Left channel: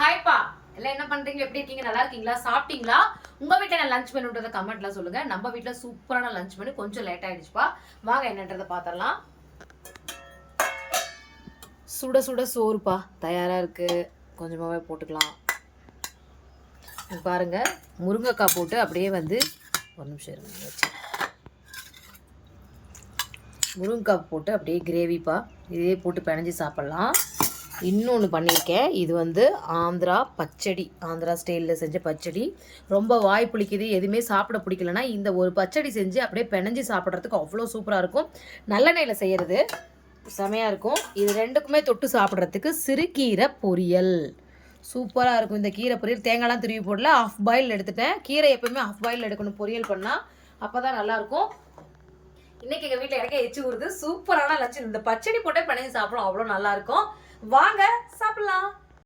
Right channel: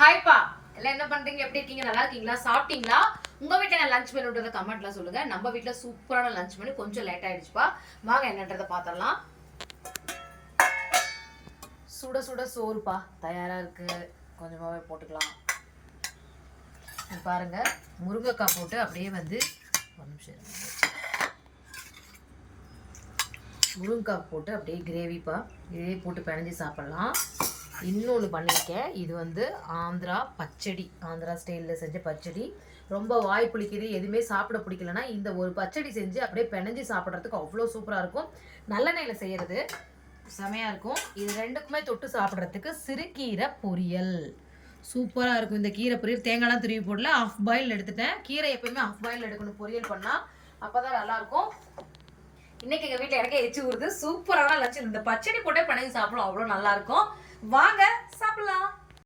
ஹாய்ப்பா, எல்லாம் என்ன பண்றீங்க? எப்படி இருக்கீங்க? நல்லா இருக்கீங்களா? சாப்பிட்டீங்களா? உங்க வீட்டுல லஞ்ச் மெனுன்றத கமெண்ட்ல சொல்லுங்க. நம்ம வீட்டுல சூப்பரான லஞ்ச் மெனு. கொஞ்சம் லேட் ஆயிடுச்சுப்பா. வாங்க என்னன்றத பாத்திரலாம். சுட சுட சோறுப்பா தயாரா இருக்கு. கொஞ்சமாவே போட்டுக்கலாம். பாருங்க, முருங்கைக்காய் போட்டு அப்படியே வந்து ஒரு நிமிஷம் இருங்க. முருங்கைக்காய் போட்டு அப்படியே கிரேவிப்பா. இதே போட்டு பிணைஞ்சு சாப்பிட்லாம். இன்னொன்று பண்ணியிருக்கேன். இது வந்து ஆந்திரா பச்சடி, ஆந்திரா ஸ்டைலில் செஞ்ச பச்சடி. ரொம்ப வாய் புளிக்குது, எதுவுமே சாப்பிட பிடிக்கலன்னா இந்த ஒரு பச்சடி செஞ்சு அப்படியே பிணைஞ்சு சாப்பிட்றதுக்கு அவ்வளோ சூப்பராக இருக்கும். நல்லெண்ணெயில் செய்கிறது செமையாக இருக்கும். இது ரெண்டுக்குமே தொட்டு சாப்பிட்றதுக்கு சிறுகீரை பொரியல் சூப்பராக இருக்கும். இந்த கீரை பொரியல் தேங்காய்லாம் துருவி போடல, ஆஃப் பாயில் எடுத்துட்டேன். கீரை எப்பவுமே ஆஃப் பாயில் எடுக்கணும் பொரியல் பண்ணால், அப்போ தான் நல்லாயிருக்கும். இன்னைக்கு எங்கள் வீட்டில் எனக்கே எச்சு ஊறுது. சூப்பரான லஞ்ச். இந்த பச்சடி போட்டே பிணைஞ்சு சாப்பிடும், அவ்வளோ நல்லாயிருக்கும். வாங்க சாப்பிடலாம்.